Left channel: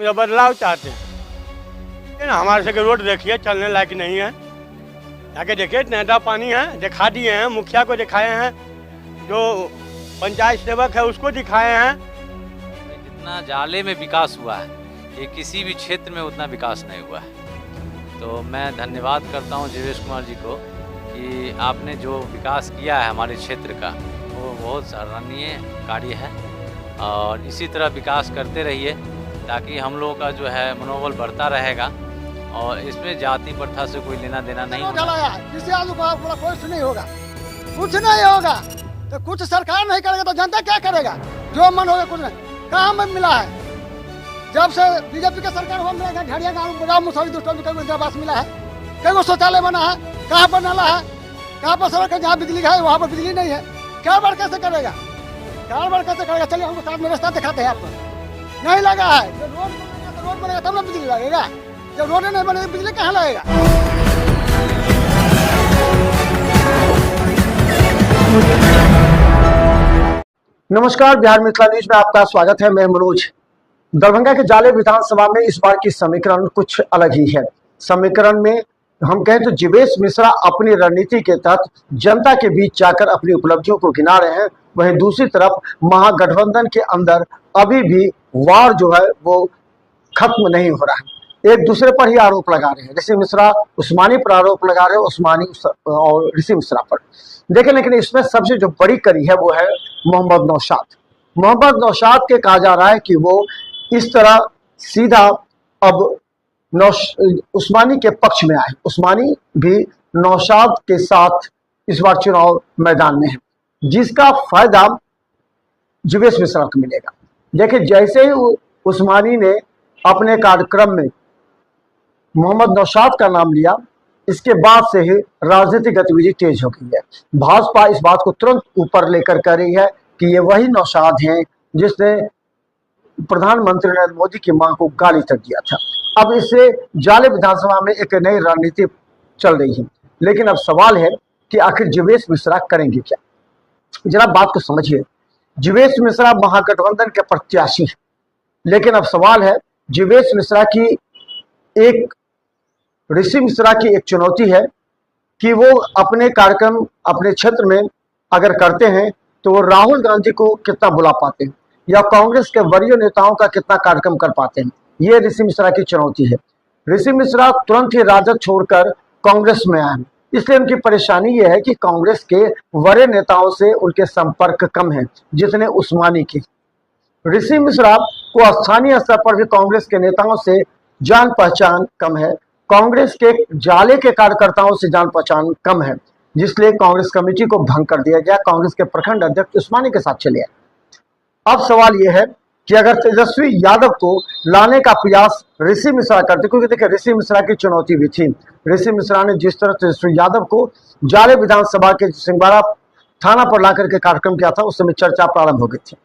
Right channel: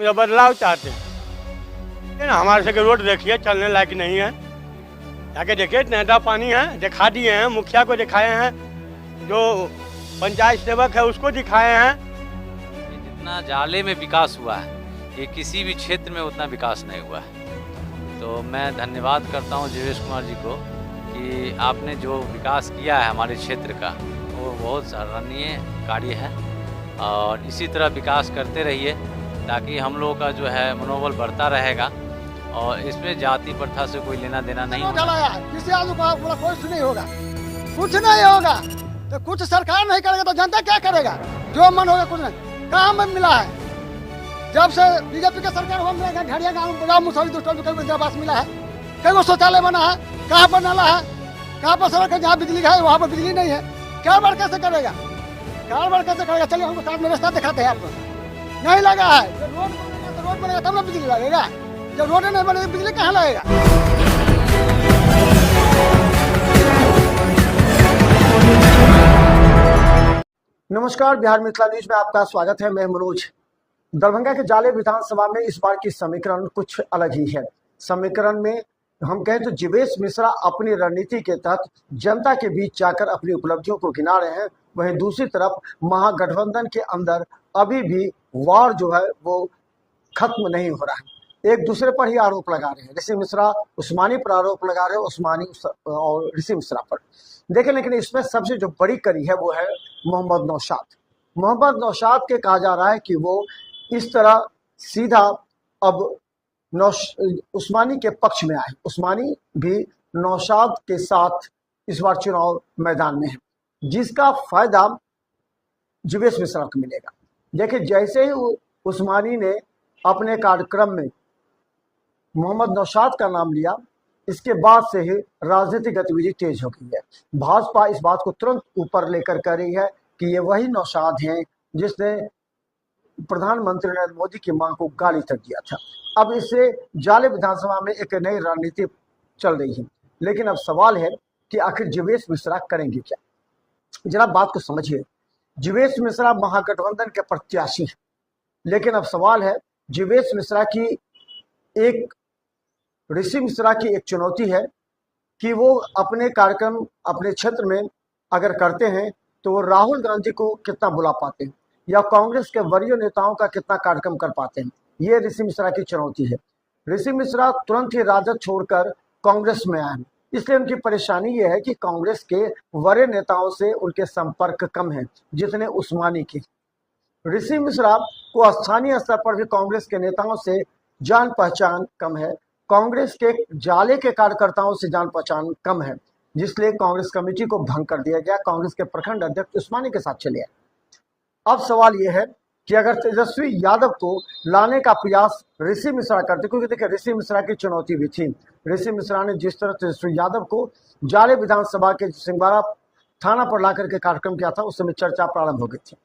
हम बदलाव चाहते हैं। ये ना हमारे से रोड देखिए चलने लायक नहीं है, जाके देखिए नेता पानी है, दिखा दिए हैं, मुखिया को दिखाए हैं, जो पंचायत सेवक है उसको दिखाए हैं। जितना जाले में विकास हुआ है ये किसी भी क्षेत्र में उतना विकास नहीं हुआ है। तो मैं धन्यवाद करता हूं जीवेश कुमार जी को कि आपने जो विकास किया है हमारे क्षेत्र का वो बहुत सराहनीय कार्य है और इसी तरह विकास करते रहिए ताकि हम लोगों का जो है मनोबल बढ़ता रहेगा और इसमें जाति प्रथा से कोई लेना देना नहीं होगा। किसी आदमी को बोला कुछ नहीं होगा, कुछ नहीं होगा तो कुछ सरकार नहीं करेगा तो जनता क्या करेगा? जो मन होगा कुछ नहीं। कहाँ में मिला है? जब से बीजेपी का सरकार हुआ मिला ढड़िया गाँव बजाओ मुसौरी दुष्टों में कई इंदिरावास मिला है, कई वो शौचालय बना है, कहाँ पर नाला है, कहाँ पर सड़क है, जहाँ बिजली है वहाँ पर बिजली नहीं है। कारोबार कैसे करेगा? कारोबार कैसे करेगा? चलिए हमको साथ में रास्ता दिखाते हैं आपको। नहीं लगा है, जब रोड बनेगा तो रोड बनेगा तब ना बिजली लगेगा, जब रोड नहीं बनेगी बिजली कहाँ लगेगा? नमस्कार, बिहार मिथिला न्यूज में आपका स्वागत है। मैं मनोज। दरभंगा के जाले विधानसभा में इस बार की समीकरण कुछ अलग ही है। समीकरण में हम कहें तो जीवेश मिश्रा अपनी रणनीति के तहत जनता के बीच जाकर अपनी उपलब्धियों को गिना रहे हैं, वहीं दूसरी तरफ महागठबंधन के अंदर अभी भी वार जो है वो खत्म नहीं हो रहा है। एक दूसरे पर ही आरोप लगा रहे हैं। ऋषि मिश्रा उस्मानी पर आरोप लगा रहे हैं, उस्मानी और ऋषि मिश्रा पर। देखें, लेकिन इसमें सबसे जो बड़ी कड़ी है वो है मोहम्मद नौशाद। मोहम्मद नौशाद के कहा जा रहा है कि वो इस तरह सीधा अब उस्मानी के पक्ष में आए। उस्मानी भी नौशाद के साथ इस बार चुनाव मैदान में है, जिसका फायदा जीवेश मिश्रा को मिलेगा। देखिए, जैसे ही उस्मानी ने अपने कार्यक्रम में मोहम्मद नौशाद का नाम लिया, इसके बाद से ही राजनीतिक गतिविधि तेज हो गई है। भाजपा इस बात को तुरंत ऊपर लेकर कह रही है कि ये वही नौशाद हैं जिसने प्रधानमंत्री नरेंद्र मोदी की मां को गाली तक दिया था। अब इससे जाले विधानसभा में एक नई रणनीति चल रही है। लेकिन अब सवाल है कि आखिर जीवेश मिश्रा करेंगे क्या? जरा बात को समझिए। जीवेश मिश्रा महागठबंधन के प्रत्याशी है, लेकिन अब सवाल है जीवेश मिश्रा की एक ऋषि मिश्रा की एक चुनौती है कि वो अपने कार्यक्रम अपने क्षेत्र में अगर करते हैं तो वो राहुल गांधी को कितना बुला पाते हैं या कांग्रेस के वरीय नेताओं का कितना कार्यक्रम कर पाते हैं। ये ऋषि मिश्रा की चुनौती है। ऋषि मिश्रा तुरंत ही राजद छोड़कर कांग्रेस में आए, इसलिए उनकी परेशानी ये है कि कांग्रेस के वरीय नेताओं से उनके संपर्क कम है जितने उस्मानी के। ऋषि मिश्रा को स्थानीय स्तर पर भी कांग्रेस के नेताओं से जान पहचान कम है, कांग्रेस के जाले के कार्यकर्ताओं से जान पहचान कम है, जिसलिए कांग्रेस कमेटी को भंग कर दिया गया। कांग्रेस के प्रखंड अध्यक्ष उस्मानी के साथ चले आए। अब सवाल यह है कि अगर तेजस्वी यादव को लाने का प्रयास ऋषि मिश्रा करते, क्योंकि देखिए ऋषि मिश्रा की चुनौती भी थी। ऋषि मिश्रा ने जिस तरह तेजस्वी यादव को जाले विधानसभा के सिंहवाड़ा थाना पर लाकर के कार्यक्रम किया था, उस समय चर्चा प्रारंभ हो गई थी।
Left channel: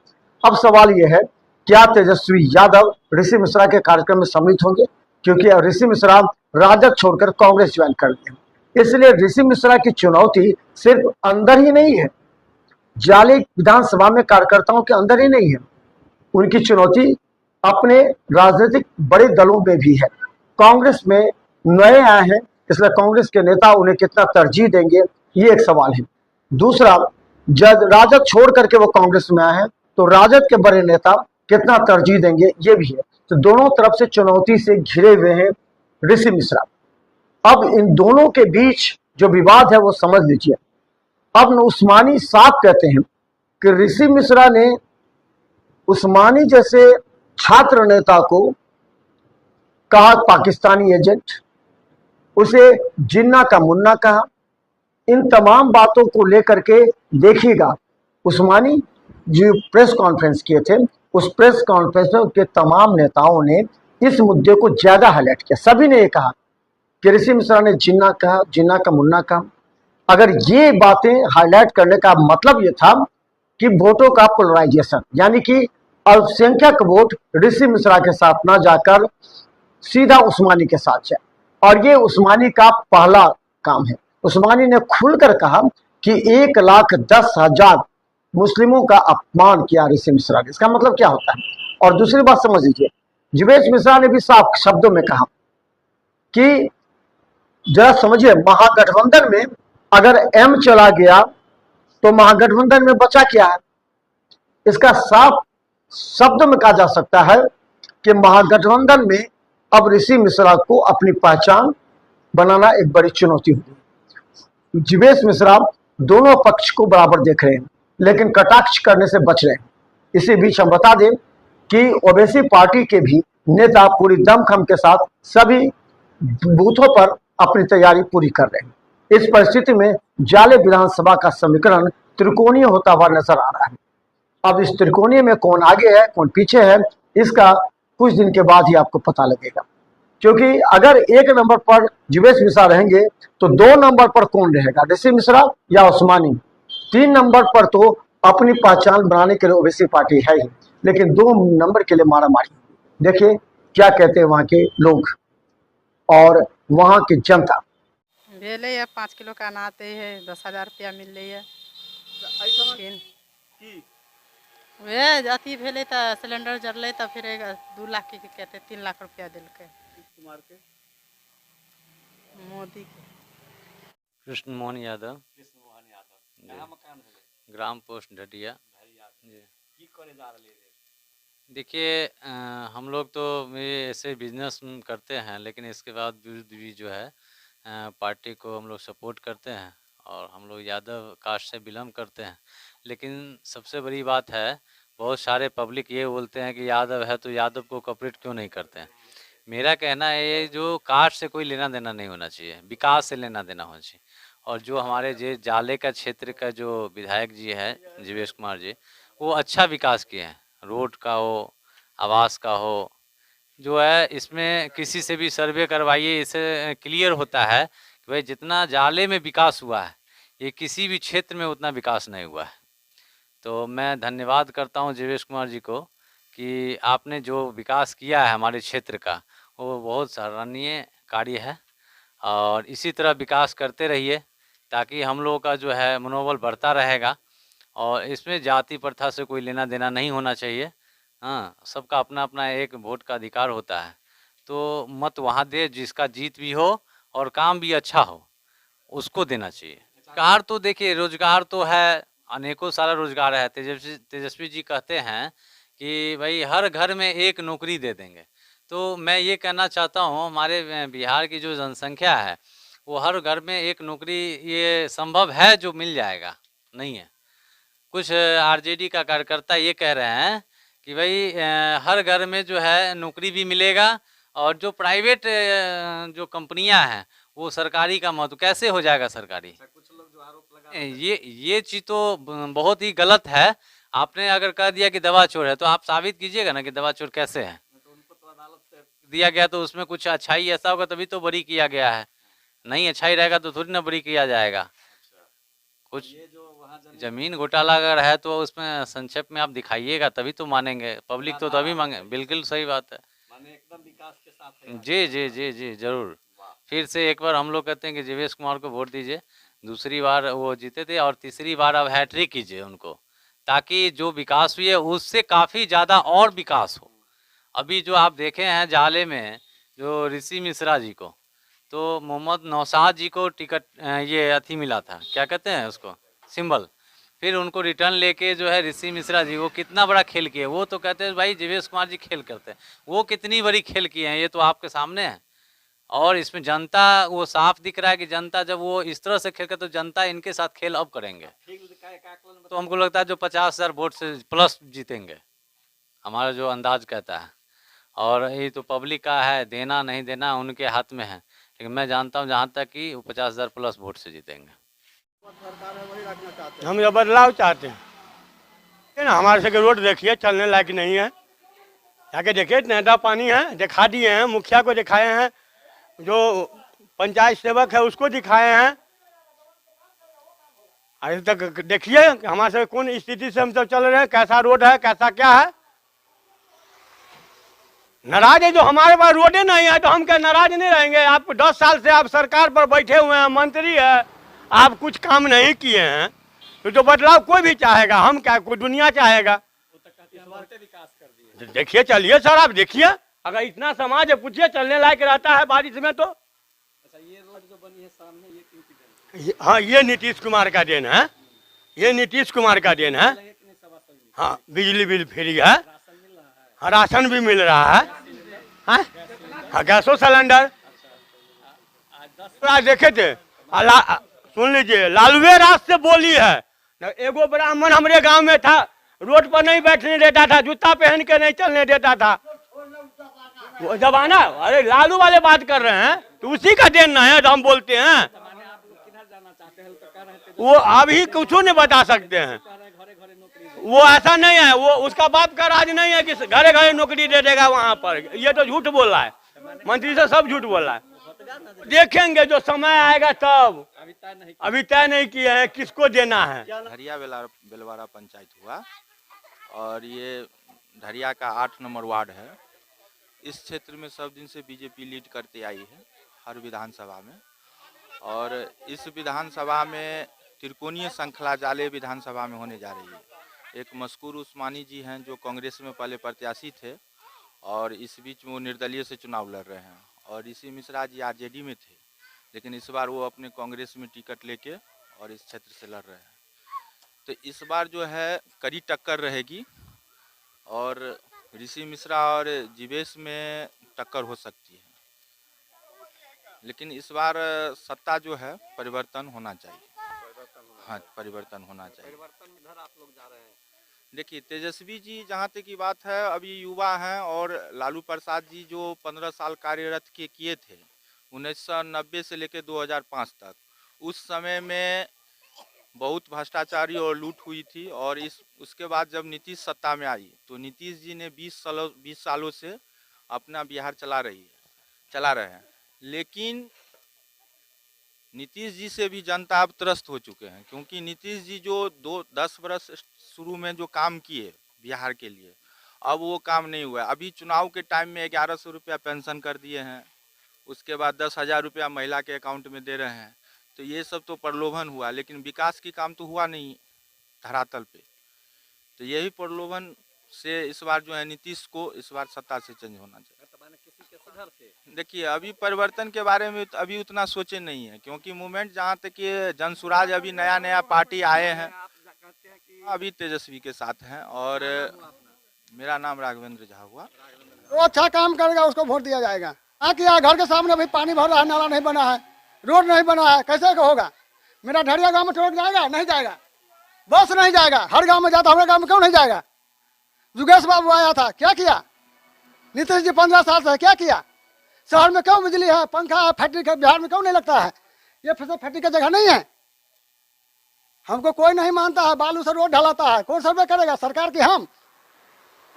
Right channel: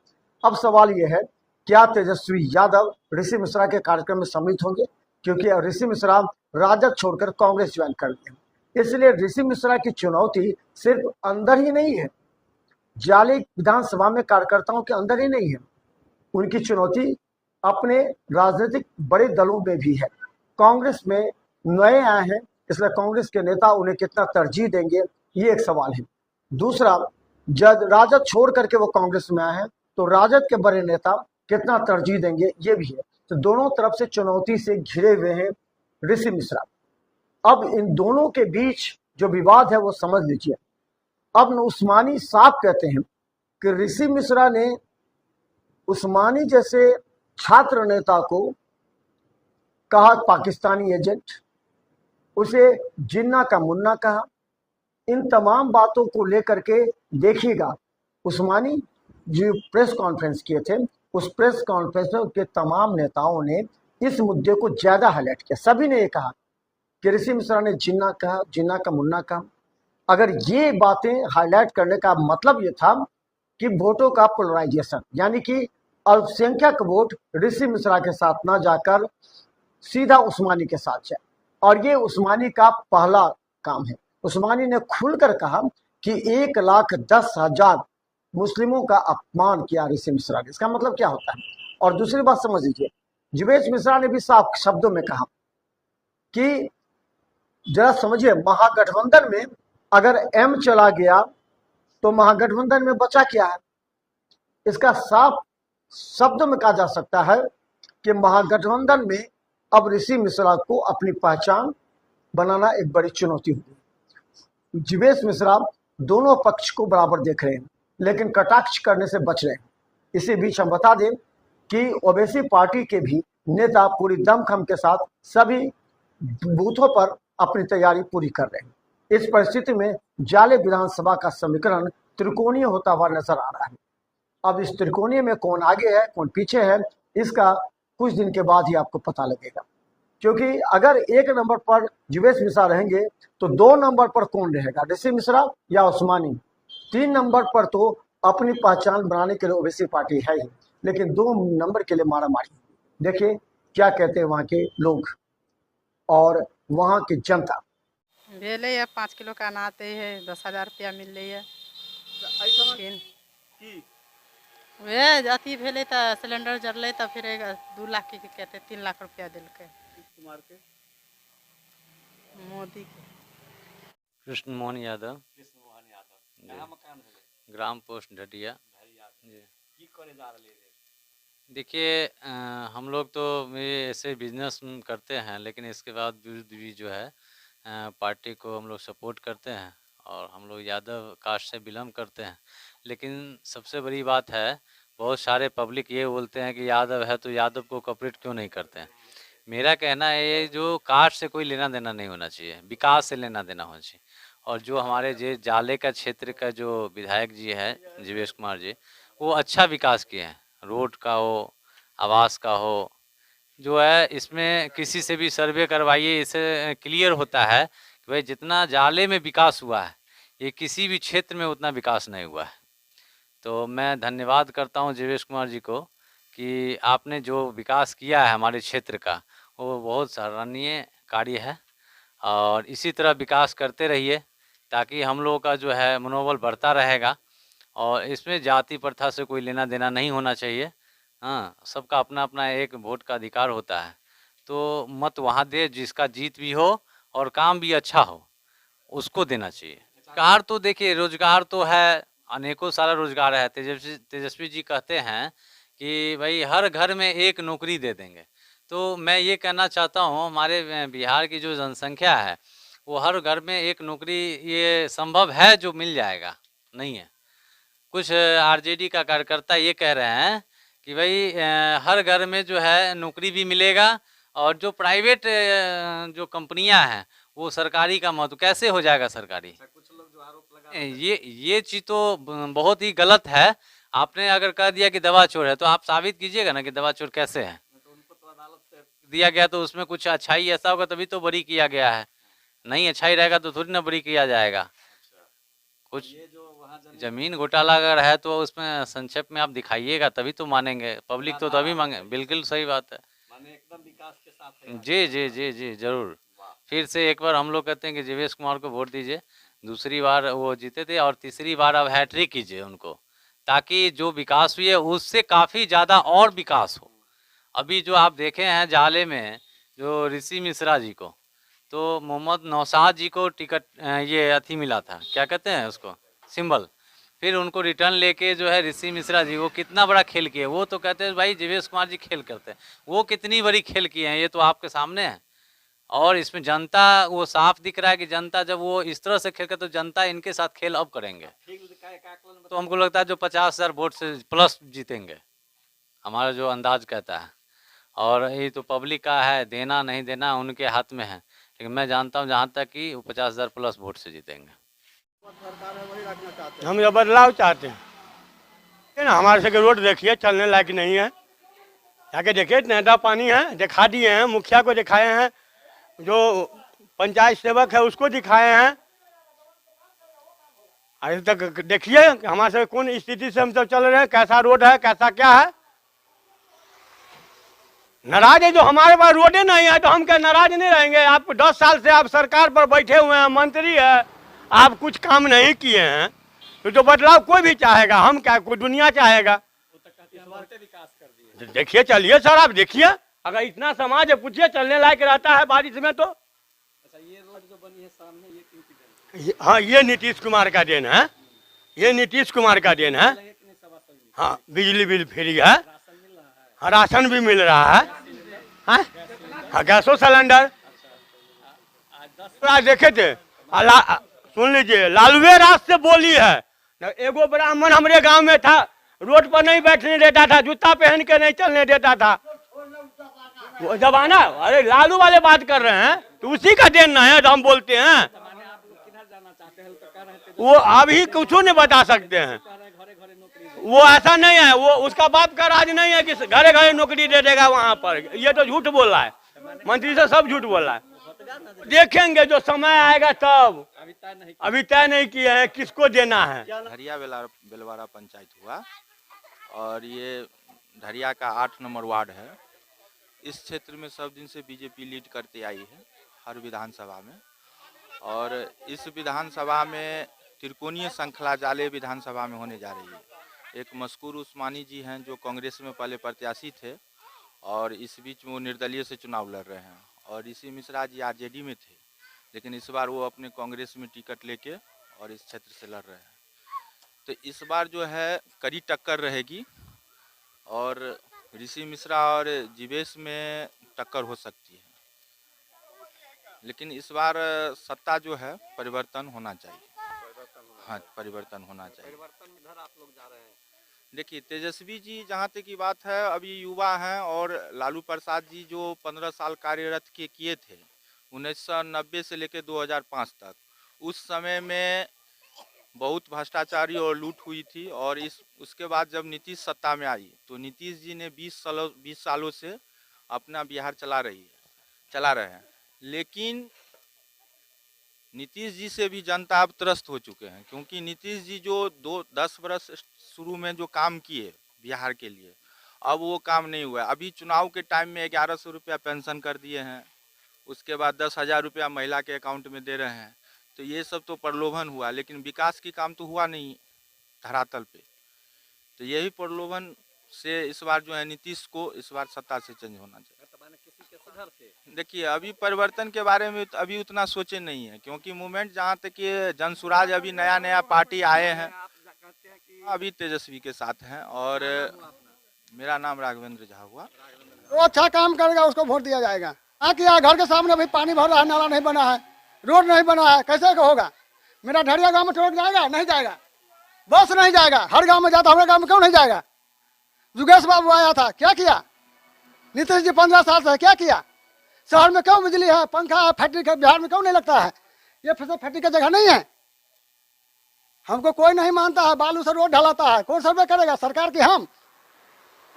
अब सवाल यह है, क्या तेजस्वी यादव ऋषि मिश्रा के कार्यक्रम में सम्मिलित होंगे? क्योंकि ऋषि मिश्रा राजद छोड़कर कांग्रेस ज्वाइन कर दिए। इसलिए ऋषि मिश्रा की चुनौती सिर्फ अंदर ही नहीं है, जाले विधानसभा में कार्यकर्ताओं के अंदर ही नहीं है, उनकी चुनौती अपने राजनीतिक बड़े दलों में भी है। कांग्रेस में नए आए हैं, इसलिए कांग्रेस के नेता उन्हें कितना तरजीह देंगे, ये एक सवाल है। दूसरा, जब राजद छोड़ करके वो कांग्रेस में आए हैं तो राजद के बड़े नेता कितना तरजीह देंगे, ये भी है। तो दोनों तरफ से चुनौती से घिरे हुए हैं ऋषि मिश्रा। अब इन दोनों के बीच जो विवाद है वो समझ लीजिए। अब उस्मानी साफ कहते हैं कि ऋषि मिश्रा ने उस्मानी जैसे छात्र नेता को कहा पाकिस्तानी एजेंट, उसे जिन्ना का मुन्ना कहा। इन तमाम बातों को लेकर के देखिएगा, उस्मानी जो प्रेस कॉन्फ्रेंस किए थे, उस प्रेस कॉन्फ्रेंस में उनके तमाम नेताओं ने इस मुद्दे को ज्यादा हाईलाइट किया। सभी ने ये कहा कि ऋषि मिश्रा ने जिन्ना कहा, जिन्ना का मुन्ना कहा। अगर ये बातें हाईलाइट करने का मतलब ये था कि वोटों का पोलराइजेशन, यानी कि अल्पसंख्यक वोट ऋषि मिश्रा के साथ ना जाकर सीधा उस्मानी के साथ जाए, और ये उस्मानी का पहला काम है। उस्मानी ने खुलकर कहा कि 1,10,000 मुस्लिमों का अपमान किया ऋषि मिश्रा ने। इसका मतलब क्या होता है? और दूसरी बात समझ लीजिए, जीवेश मिश्रा ने भी साफ शब्दों में कहा कि जरा समझिए, महागठबंधन में अगर एम चला गया तो महागठबंधन में बचा क्या है। इसका साफ शब्द में कहा जा सकता है कि महागठबंधन में अब ऋषि मिश्रा को अपनी पहचान बनाना एक बड़ी चुनौती होगी। जीवेश मिश्रा दोनों पक्ष को बराबर देख रहे हैं, लेकिन कटाक्ष करने से बच रहे हैं। इसी बीच हम बता दें कि ओवैसी पार्टी के भी नेता पूरी दमखम के साथ सभी बूथों पर अपनी तैयारी पूरी कर रहे हैं। इस परिस्थिति में जाले विधानसभा का समीकरण त्रिकोणीय होता हुआ नजर आ रहा है। अब इस त्रिकोणीय में कौन आगे है कौन पीछे है, इसका कुछ दिन के बाद ही आपको पता लगेगा। क्योंकि अगर 1 नंबर पर जीवेश मिश्रा रहेंगे तो 2 नंबर पर कौन रहेगा, ऋषि मिश्रा या उस्मानी। 3 नंबर पर तो अपनी पहचान बनाने के लिए ओवैसी पार्टी है ही, लेकिन 2 नंबर के लिए मारामारी। देखिए क्या कहते हैं वहां के लोग और वहां की जनता। भेले है 5 किलो का अनाज है, 10,000 रुपया मिल रही है। वे अथी भेले तो सिलेंडर जरले तो फिर 2 लाख की कहते 3 लाख रुपया दिलके मोदी के। कृष्ण मोहन यादव, ग्राम पोस्ट ढटिया। देखिए हम लोग तो ऐसे बिजनेस करते हैं, लेकिन इसके बाद भी जो है पार्टी को हम लोग सपोर्ट करते हैं और हम लोग यादव कास्ट से बिलोंग करते हैं। लेकिन सबसे बड़ी बात है, बहुत सारे पब्लिक ये बोलते हैं कि यादव है तो यादव को कॉपरेट क्यों नहीं करते हैं। मेरा कहना है ये जो कास्ट से कोई लेना देना नहीं होना चाहिए, विकास से लेना देना होना चाहिए। और जो हमारे जे जाले का क्षेत्र का जो विधायक जी है जीवेश कुमार जी, वो अच्छा विकास किए हैं। रोड का हो, आवास का हो, जो है इसमें किसी से भी सर्वे करवाइए, इससे क्लियर होता है कि भाई जितना जाले में विकास हुआ है ये किसी भी क्षेत्र में उतना विकास नहीं हुआ है। तो मैं धन्यवाद करता हूं जीवेश कुमार जी को कि आपने जो विकास किया है हमारे क्षेत्र का, वो बहुत सराहनीय कार्य है और इसी तरह विकास करते रहिए ताकि हम लोगों का जो है मनोबल बढ़ता रहेगा। और इसमें जाति प्रथा से कोई लेना देना नहीं होना चाहिए। हाँ, सबका अपना अपना एक वोट का अधिकार होता है, तो मत वहाँ दे जिसका जीत भी हो और काम भी अच्छा हो, उसको देना चाहिए। रोजगार तो देखिए, रोजगार तो है, अनेकों सारा रोजगार है। तेजस्वी जी कहते हैं कि भाई हर घर में एक नौकरी दे देंगे। तो मैं ये कहना चाहता हूँ, हमारे बिहार की जो जनसंख्या है वो हर घर में एक नौकरी ये संभव है जो मिल जाएगा, नहीं है। कुछ आरजेडी का कार्यकर्ता ये कह रहे हैं कि भाई हर घर में जो है नौकरी भी मिलेगा और जो प्राइवेट जो कंपनियां हैं वो सरकारी का महत्व कैसे हो जाएगा सरकारी। कुछ लोग जो आरोप लगा ये चीज़ तो बहुत ही गलत है। आपने अगर कह दिया कि दवा चोर है तो आप साबित कीजिएगा ना कि दवा चोर कैसे है। तो उनको तो अदालत से दिया गया तो उसमें कुछ अच्छाई ऐसा होगा तभी तो बरी किया गया है, नहीं अच्छाई रहेगा तो थोड़ी ना बरी किया जाएगा। कुछ जमीन घोटाला अगर है तो उसमें संक्षेप में आप दिखाइएगा तभी तो मानेंगे, पब्लिक तो तभी मांगे। बिल्कुल सही बात है, एकदम विकास के साथ। जी जी जी जी जरूर। फिर से एक बार हम लोग कहते हैं कि जीवेश कुमार को वोट दीजिए। दूसरी बार वो जीते थे और तीसरी बार अब हैट्रिक कीजिए उनको, ताकि जो विकास हुई है उससे काफ़ी ज़्यादा और विकास हो। अभी जो आप देखे हैं जाले में जो ऋषि मिश्रा जी को, तो मोहम्मद नौशाद जी को टिकट ये अथी मिला था, क्या कहते हैं उसको, सिंबल। फिर उनको रिटर्न लेके जो है ऋषि मिश्रा जी वो कितना बड़ा खेल किए। वो तो कहते हैं भाई जीवेश कुमार जी खेल करते हैं, वो कितनी बड़ी खेल किए हैं ये तो आपके सामने है। और इसमें जनता वो साफ दिख रहा है कि जनता जब वो इस तरह से खेल कर तो जनता इनके साथ खेल अब करेंगे। तो हमको लगता है जो 50,000 वोट से प्लस जीतेंगे, हमारा जो अंदाज कहता है। और ये तो पब्लिक का है, देना नहीं देना उनके हाथ में है, लेकिन मैं जानता हूँ जहाँ तक कि वो 50,000 प्लस वोट से जीतेंगे। हम ये बदलाव चाहते हैं ना। हमारे से रोड देखिए चलने लायक नहीं है, जाके देखिए नेटा पानी है, दिखा दिए हैं, मुखिया को दिखाए हैं, जो पंचायत सेवक है उसको दिखाए हैं। अभी तक देखिए हमारे से कौन स्थिति से हम सब चल रहे हैं, कैसा रोड है, कैसा क्या है। नाराज है जो हमारे पास रोडे नहीं है तो हम क्या नाराज नहीं रहेंगे। आप 10 साल से आप सरकार पर बैठे हुए हैं, मंत्री है, आप कुछ काम नहीं किए हैं तो जो बदलाव कोई भी चाहेगा, हम क्या कोई दुनिया चाहेगा। देखिए चलिए सर, आप देखिए अगर इतना समाज है, पूछिए चलने लायक रहता है बारिश में तो। अच्छा, ये रोड जो बनी है सामने, ये किनकी देन है? हाँ, ये नीतीश कुमार का देन है, ये नीतीश कुमार का देन है। मिला है कि नहीं सभासद में? हाँ, बिजली बिल फ्री है, राशन मिल रहा है? हाँ, राशन भी मिल रहा है। हाँ, हाँ, गैसो सिलेंडर आज 10 आज देखे थे। सुन लीजिए, लालूए राज से बोली है न, एगो ब्राह्मण हमारे गांव में था, रोड पर नहीं बैठने देता था, जूता पहन के नहीं चलने देता था। वो जमाना, अरे लालू वाले बात कर रहे हैं तो उसी का देन ना है तो हम बोलते हैं। माने आप लोग किधर जाना चाहते हैं तो कह रहे थे, वो अभी कुछ नहीं बता सकते हैं, कह रहे घरे घरे नौकरी दे। वो ऐसा नहीं है, वो उसका बाप का राज नहीं है कि घरे घरे नौकरी दे देगा वहां पर। ये तो झूठ बोल रहा है, मंत्री से सब झूठ बोल रहा है। देखेंगे जो समय आएगा तब, अभी तय नहीं अभी तय नहीं किए हैं किसको देना है। धरिया बेलवाड़ा पंचायत हुआ और ये धरिया का 8 नंबर वार्ड है। इस क्षेत्र में सब दिन से बीजेपी लीड करते आई है हर विधानसभा में, और इस विधानसभा में त्रिकोणीय श्रृंखला जाले विधानसभा में होने जा रही है। एक मशकूर उस्मानी जी हैं जो कांग्रेस में पहले प्रत्याशी थे और इस बीच में वो निर्दलीय से चुनाव लड़ रहे हैं, और ऋषि मिश्रा जी आरजेडी में थे लेकिन इस बार वो अपने कांग्रेस में टिकट लेके और इस क्षेत्र से लड़ रहे हैं। तो इस बार जो है कड़ी टक्कर रहेगी और ऋषि मिश्रा और जीवेश में टक्कर हो सकती है, लेकिन इस बार सत्ता जो है परिवर्तन होना चाहिए। हाँ, परिवर्तन होना चाहिए। परिवर्तन इधर आप लोग जा रहे हैं। देखिए, तेजस्वी जी जहाँ तक की बात है अभी युवा हैं, और लालू प्रसाद जी जो 15 साल कार्यरत किए थे 1990 से लेकर 2005 तक, उस समय में बहुत भ्रष्टाचारी और लूट हुई थी। और उसके बाद जब नीतीश सत्ता में आई तो नीतीश जी ने 20 सालों से अपना बिहार चला रहे हैं, लेकिन नीतीश जी से भी जनता अब त्रस्त हो चुके हैं, क्योंकि नीतीश जी जो 10 बरस शुरू में जो काम किए बिहार के लिए, अब वो काम नहीं हुआ। अभी चुनाव के टाइम में 1100 रुपया पेंशन कर दिए हैं, उसके बाद 10,000 रुपया महिला के अकाउंट में दे रहे हैं। तो ये सब तो प्रलोभन हुआ, लेकिन विकास की काम तो हुआ नहीं धरातल पे। तो यही प्रलोभन से इस बार जो है नीतीश को इस बार सत्ता से चेंज होना चाहिए। तो माने किसी के सुधर से देखिए, अभी परिवर्तन के बारे में तो अभी उतना सोचे नहीं है, क्योंकि मूवमेंट जहाँ तक ये जनसुराज अभी नया पार्टी आए हैं, आप कहते हैं कि अभी तेजस्वी के साथ हैं। और मेरा नाम राघवेंद्र झा हुआ। वो अच्छा काम करेगा उसको वोट दिया जाएगा। हाँ किया, घर के सामने भाई पानी भर रहा है, नाला नहीं बना है, रोड नहीं बना है, कैसे होगा? मेरा ढरिया गांव में ट्रक जाएगा? नहीं जाएगा। बस नहीं जाएगा, हर गांव में जाता, हमारे गांव में क्यों नहीं जाएगा? जुगेश बाबू आया था, क्या किया? नीतीश जी 15 साल से क्या किया? शहर में क्यों बिजली है, पंखा है, फैक्ट्री का बिहार में क्यों नहीं लगता है? ये फिर से फैक्ट्री का जगह नहीं है। हमको कोई नहीं मानता है, बालू से रोड ढलाता है, कौन सर्वे करेगा? सरकार की हम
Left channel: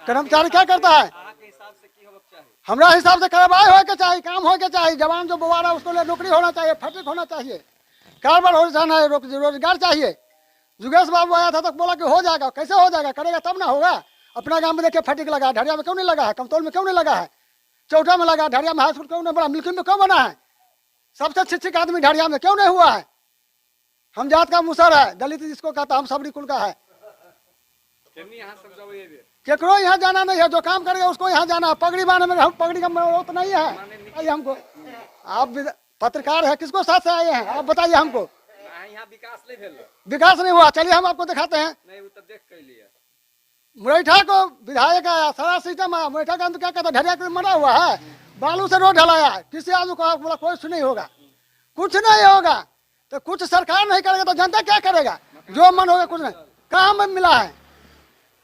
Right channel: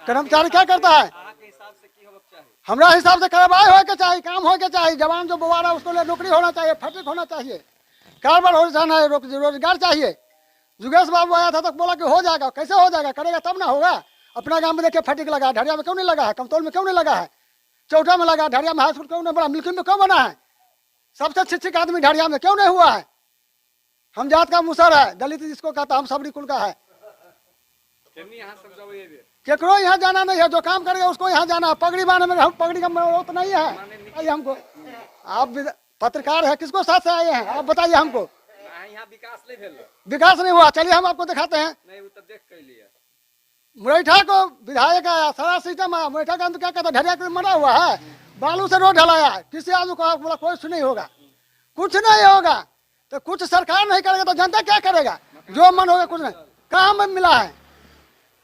कर्मचारी क्या करता है? आपके हिसाब से की होगा चाहिए? हमरा हिसाब से करवाए हो के चाहिए, काम हो के चाहिए। जवान जो बुआ रहा है उसको लिए नौकरी होना चाहिए, फैक्ट्री होना चाहिए, कारोबार हो जाना है, रोजगार चाहिए। जुगेश बाबू आया था तो बोला कि हो जाएगा, कैसे हो जाएगा? करेगा तब ना होगा। अपना गांव में देखिए फैक्ट्री लगा, ढरिया में क्यों नहीं लगा है? कमतौल में क्यों नहीं लगा है? चौटा में लगा, ढरिया में हाई स्कूल क्यों नहीं बना? मिल्की में क्यों बना है? सबसे शिक्षित आदमी ढरिया में क्यों नहीं हुआ है? हम जात का मुसर है, दलित जिसको कहता हम सबरी कुल का है। यहाँ समझाओ ये भी। केकरो यहाँ जाना नहीं है, जो काम करेगा उसको यहाँ जाना है। पगड़ी बांधने में हम पगड़ी का जरूरत नहीं है। बताइए हमको, आप पत्रकार है, किसको साथ से आए हैं आप बताइए हमको। यहाँ विकास नहीं भेल, विकास नहीं हुआ, चलिए हम आपको दिखाते हैं। नहीं वो तो देख कर लिया। मुरैठा को विधायक आया, सारा सिस्टम आया, मुरैठा का क्या कहता है, ढरिया के मरा हुआ है, बालू से रोड ढलाया, किसी आदमी को बोला कुछ नहीं होगा, कुछ नहीं होगा। तो कुछ सरकार नहीं करेगा तो जनता क्या करेगा? जो मन होगा कुछ नहीं। कहाँ में मिला है?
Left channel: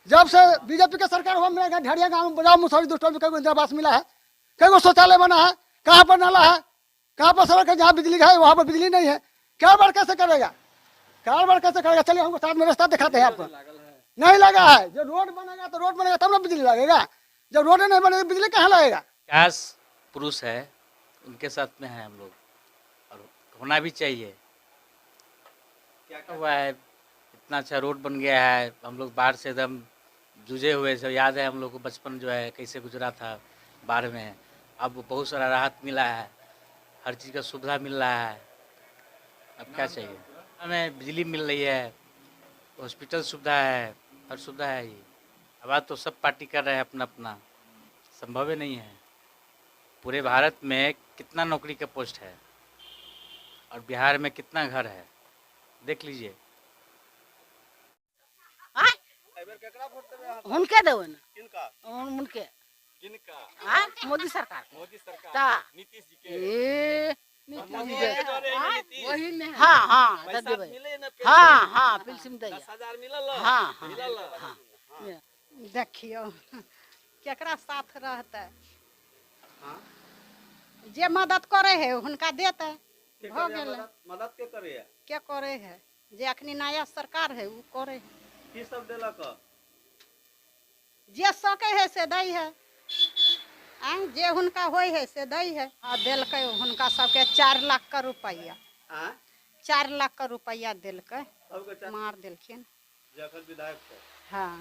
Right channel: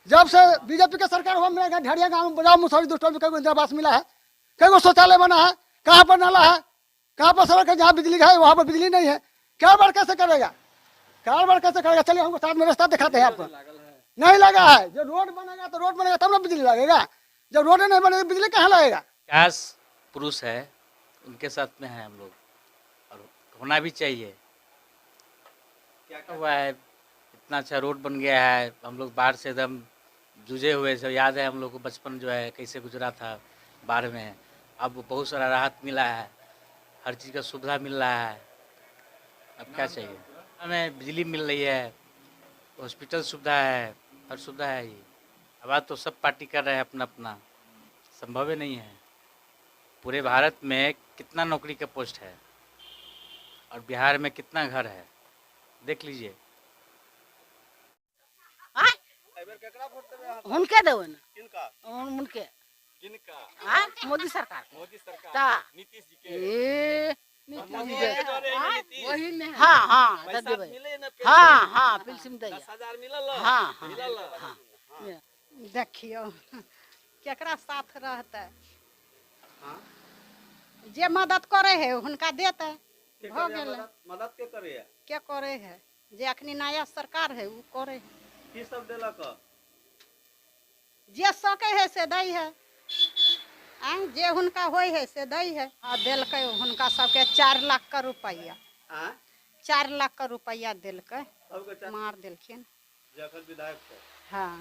जब से बीजेपी का सरकार हुआ मिलेगा, ढरिया गाँव में बजाओ मुसौरी दुष्टों में कई इंदिरा आवास मिला है, कई शौचालय बना है, कहाँ पर नाला है, कहाँ पर सड़क है, जहाँ बिजली है वहाँ पर बिजली नहीं है। कारोबार कैसे करेगा? कारोबार कैसे करेगा? चलिए हमको साथ में रास्ता दिखाते हैं आपको। नहीं लगा है, जब रोड बनेगा तो रोड बनेगा तब ना बिजली लगेगा। जब रोड नहीं बनेगा बिजली कहाँ लगेगा? विकास पुरुष है, उनके साथ में है हम लोग, और होना भी चाहिए। क्या हुआ है, इतना अच्छा रोड बन गया है, हम लोग बाढ़ से एकदम जूझे हुए से, याद है हम लोग को बचपन जो है कैसे गुजरा था बाढ़ में। अब बहुत सारा राहत मिला है, हर चीज़ का सुविधा मिल रहा है। अब क्या चाहिए? हमें बिजली मिल रही है, हॉस्पिटल सुविधा है, हर सुविधा है। ये अब आज तो सब पार्टी कर रहे हैं अपना अपना, संभव ही नहीं है। पूरे भारत में कितना नौकरी का पोस्ट है और बिहार में कितना घर है, देख लीजिए। उनके देवे ना किनका उनके किनका मोदी सरकार मोदी सरकार ता नीतीश जी के नीतीश जी के वही में हाँ हाँ पैसा देवे मिले ना हाँ हाँ पेंशन दैया 10,000 मिलल हाँ हाँ मिलल हाँ देखियो केकरा साथ रहते जे मदद करे है हुनका देते हो गेल मदद के करे है के करे है जे अखनी नया सरकार है वो करे है की सब देलक जे सके है से दै है जे हुनका होय है से दै है देलकै हुनका सबके 4 लाख का रुपया 4 लाख का रुपया देलकै सबके मार देलखिन जखन विधायक थे हाँ